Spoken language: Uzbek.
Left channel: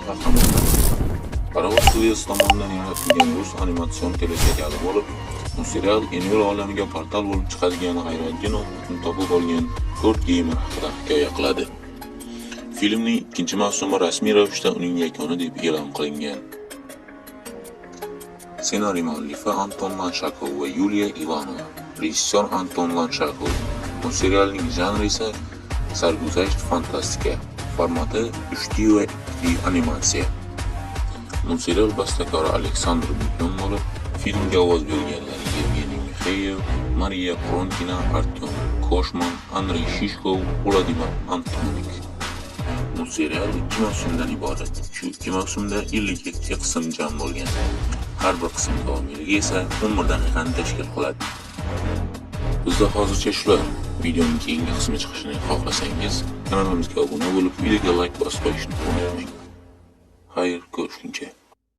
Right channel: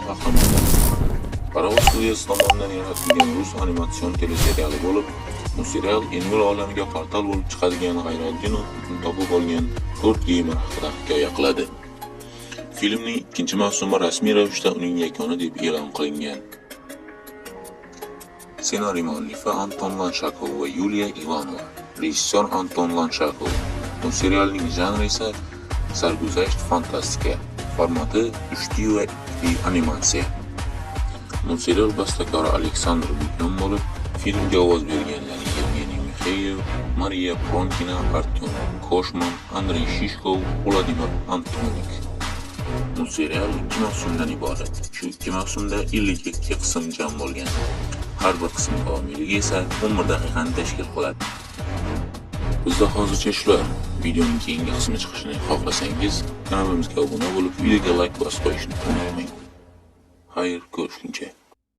bo'lgan qahramon. Paravoz studiyasi tomonidan yaratilgan rus animatsion teleseriali bo'lib, bu serial Enmur olamiga portal bo'lib chiqadigan G'ayratdin uchun topib olgan 4 geymer haqida hikoya qiladi. Filmning ikkinchi mavsumi rasmiy ravishda uning yakuni deb e'lon qilingan. Ssenariy muallifi Anton Lanshakov va Yuliya Ivanova, rejissyor Anton Lanshakov. Bu serialning janri esa sarguzasht fantastika, formati 3D va 2D animatsiya. Multserial bastakori Aleksandr Bukyan bo'lib, filmga ovoz berganlar Yevgeniy Mikheyev, Mariya Pronkina, Artyom Koshman, Andrey Shishkov, Vladimir Antonik. Multserial 2 mavsumdan iborat. Shu 2 mavsumda 52 qism jam bo'lgan. Har bir qism davomiyligi esa 11 daqiqani tashkil qiladi. Bizda hozircha shular. Videoning keyingi qismi chiqishini xohlasangiz, kanalimizga obuna bo'lib, videoga like bosib qo'yishni unutmang. Xayr, ko'rishguncha.